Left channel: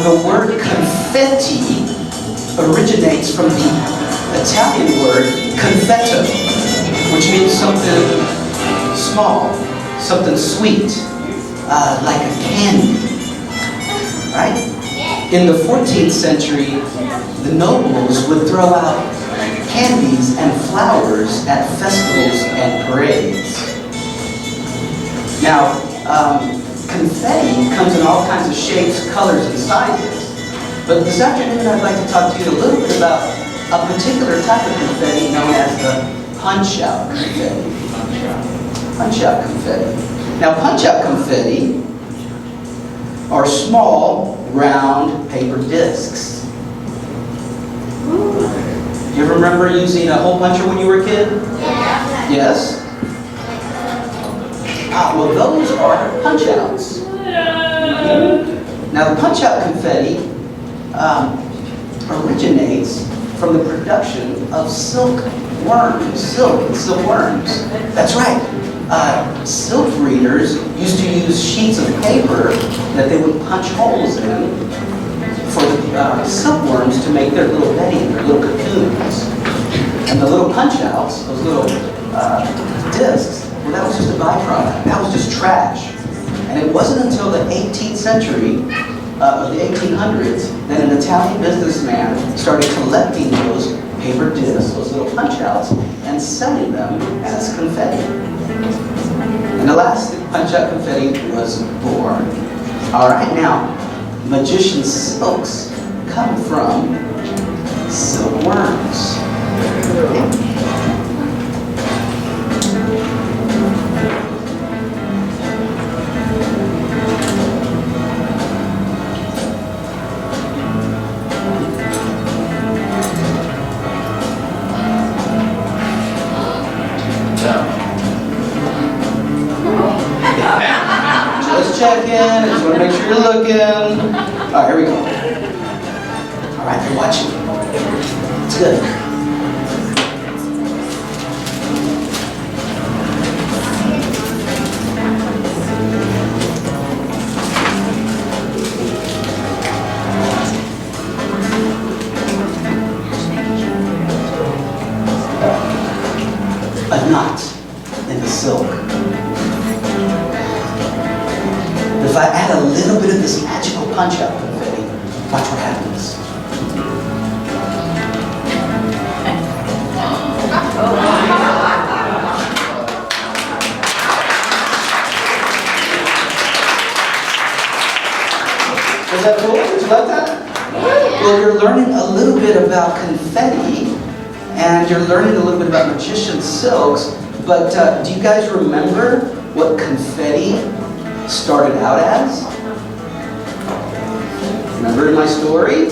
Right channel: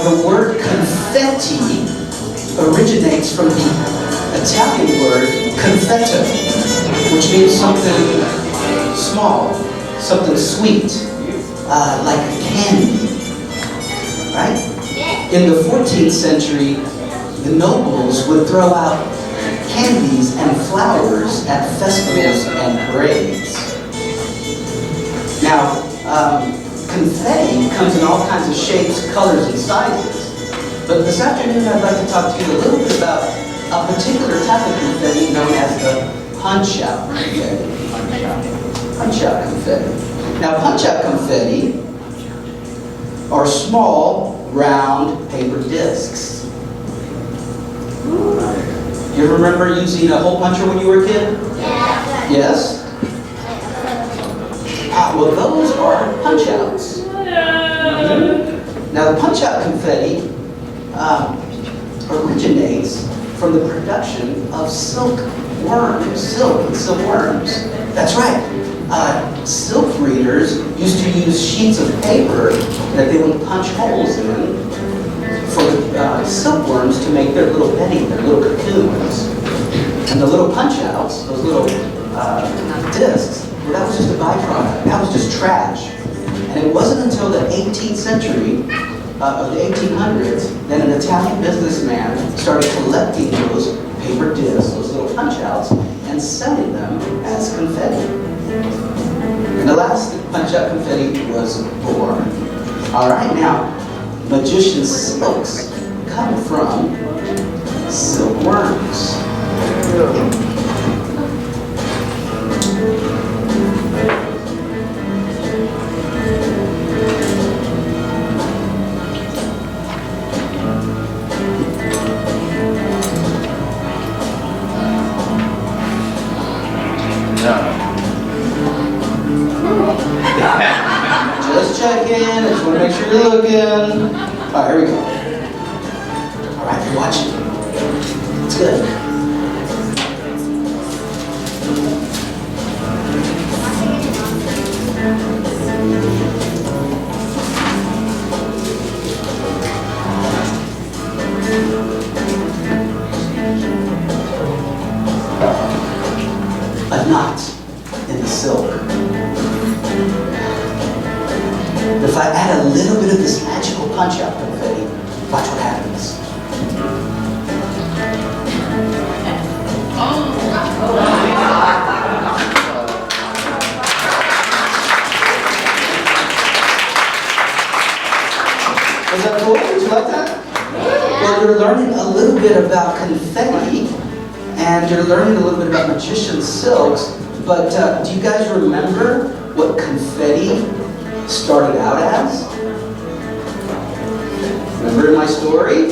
The word confetti originates from the Italian word confetto, which means something small, something sweet, like a candy, right? In the 14th century, the nobles would throw out candies and flowers at festivals and parades. Now, confetti comes in all kinds of shapes, colors, and sizes. But this afternoon, I'd like to talk to you a little bit about a particular type of confetti known as the punch-out confetti. Punch-out confetti. Now, punch-out confetti are small, round paper discs. You ever remember using a hole puncher when you were a kid? Yeah. Yes? Well, those are punch-outs. Now, the punch-out confetti originates from the production of silkworms. Silkworms. That's right. Silk breeders used to use sheets of paper that they would punch holes in for the silkworms to make their little bedding, their little cocoons. And the little punch-outs, those little discs, well, that was just a byproduct. That was just trash. And it wasn't until the 18th century, of the 1800s, that an Italian businessman started collecting those paper discs, those little punch-outs, and selling them as confetti. And the last punch-out confetti was born. All right, now, magician silks come from silkworms. Just checking, I just want to make sure you're looking. All right, here we go. All right, you're watching. It's good. A knot in the silk. If I add a little bit of this magical punch-out confetti, watch what happens. Was that cool? Did you like that? Well, you're learning a little bit about confetti, and you're learning a little bit about magician silks, but do you guys remember what confetti started out as? Remember in my story?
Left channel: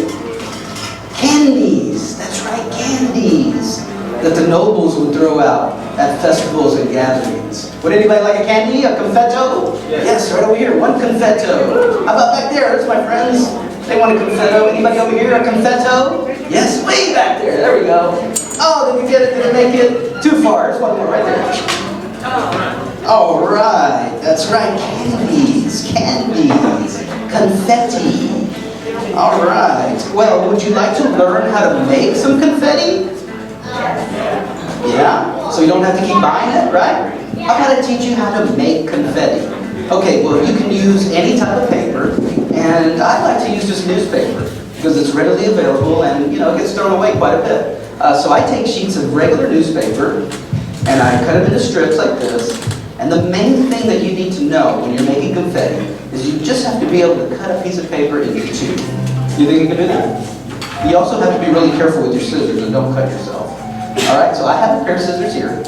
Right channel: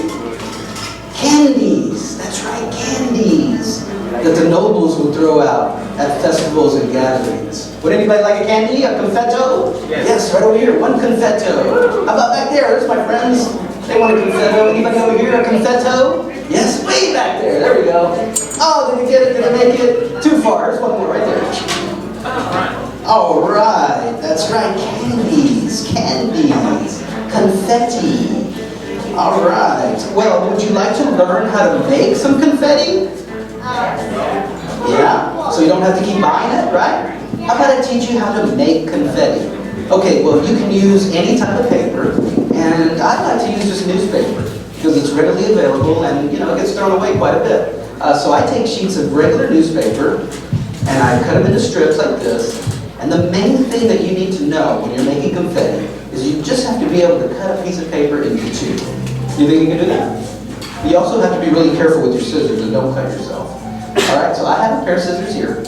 Candies. That's right, candies that the nobles would throw out at festivals and gatherings. Would anybody like a candy? A confetto? Yes, right over here. One confetto. How about back there? There's my friends. They want a confetto. Anybody over here? A confetto? Yes, way back there. There we go. Oh, did you get it? Did I make it? Too far. There's one more right there. All right. That's right. Candies. Candies. Confetti. All right. Well, would you like to learn how to make some confetti? Yeah? So you don't have to keep buying it, right? How about I teach you how to make confetti? Okay, well, you can use any type of paper, and I like to use just newspaper because it's readily available and, you know, it gets thrown away quite a bit. So I take sheets of regular newspaper and I cut them into strips like this. And the main thing that you need to know when you're making confetti is you just have to be able to cut a piece of paper into two. You think you can do that? You also have to be really careful with your scissors and don't cut yourself. All right, so I have a pair of scissors here,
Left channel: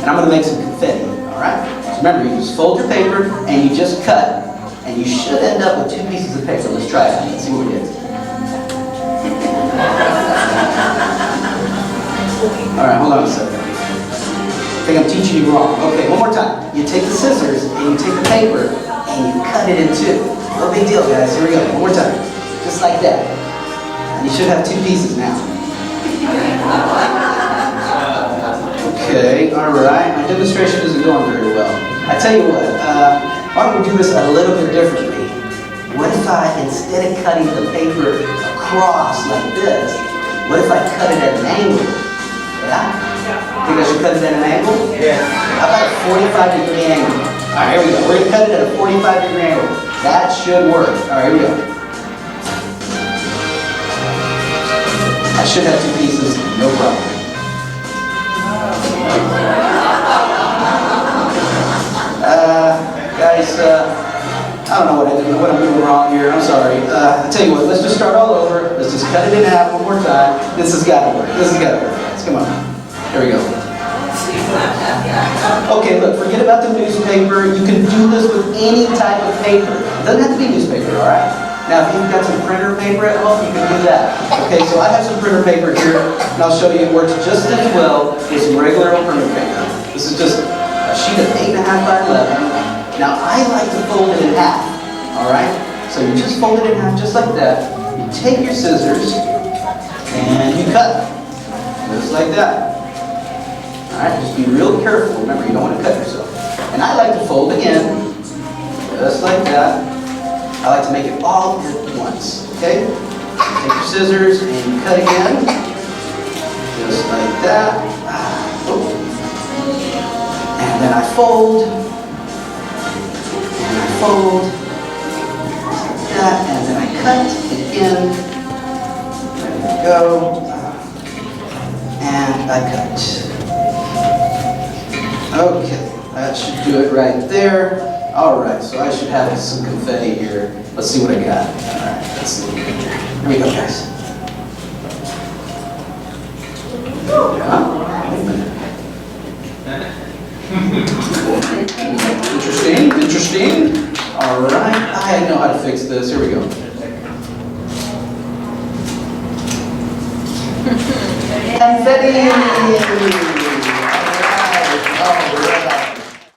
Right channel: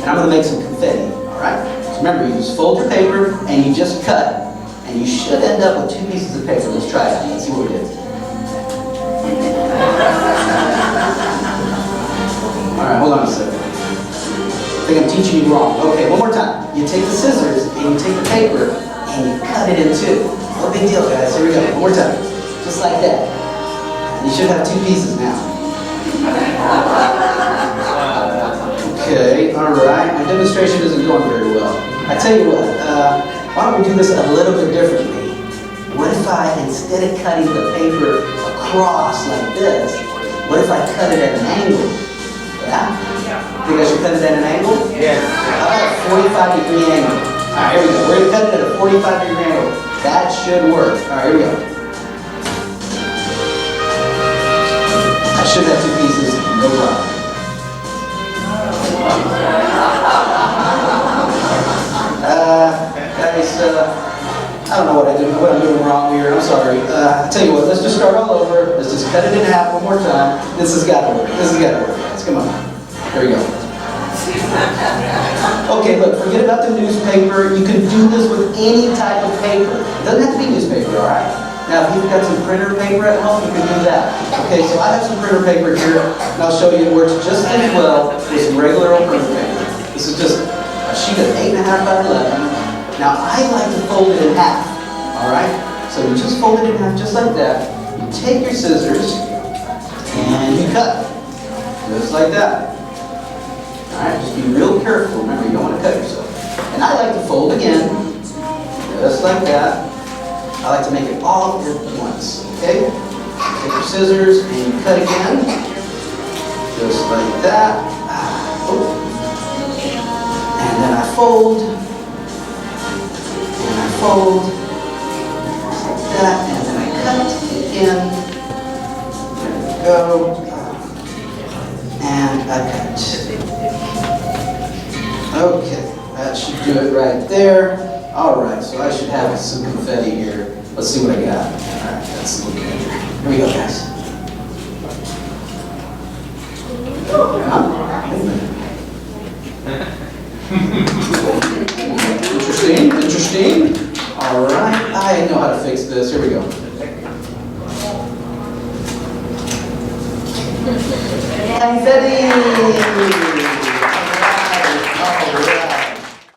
and I'm going to make some confetti. All right. So remember, you just fold your paper and you just cut, and you should end up with two pieces of paper. Let's try it. Let's see what we get. All right, hold on a second. I think I'm teaching you wrong. Okay, one more time. You take the scissors and you take the paper and you cut it in two. No big deal, guys. Here we go. One more time. Just like that. And you should have two pieces now. Okay, all right. My demonstration isn't going very well. I tell you what, why don't we do this a little bit differently? what if I, instead of cutting the paper across like this, what if I cut it at an angle? Yeah? Think I should cut it at an angle? Yes. How about a 45-degree angle? All right, here we go. We're going to cut it at a 45-degree angle. That should work. All right, here we go. I should have 2 pieces, no problem. Guys, I don't know what I'm doing wrong here. I'm sorry. I tell you what, let's just start all over. Let's just cut it in half one more time. This has got to work. This has got to work, guys. Come on. Here we go. Okay, look, forget about the newspaper. You can do this with any type of paper. It doesn't have to be newspaper, all right? Now, if you've got some printer paper at home, you can do that. Okay, so I have some printer paper here, and I'll show you it works just as well with some regular old printer paper. This is just a sheet of 8.5 by 11. Now, I like to fold it in half, all right? So you just fold it in half just like that. You take your scissors, and you cut, just like that. All right, just be real careful. Remember, you don't want to cut yourself. And I like to fold again, just like that. I like to make it all at once, okay? Take your scissors and you cut again, just like that. And then I fold, and I fold, just like that, and then I cut again. There we go. And I cut. Okay, that should do it right there. All right, so I should have some confetti here. Let's see what I got. All right, let's see what we got here. Here we go, guys. Interesting. All right, I know how to fix this. Here we go. Confetti!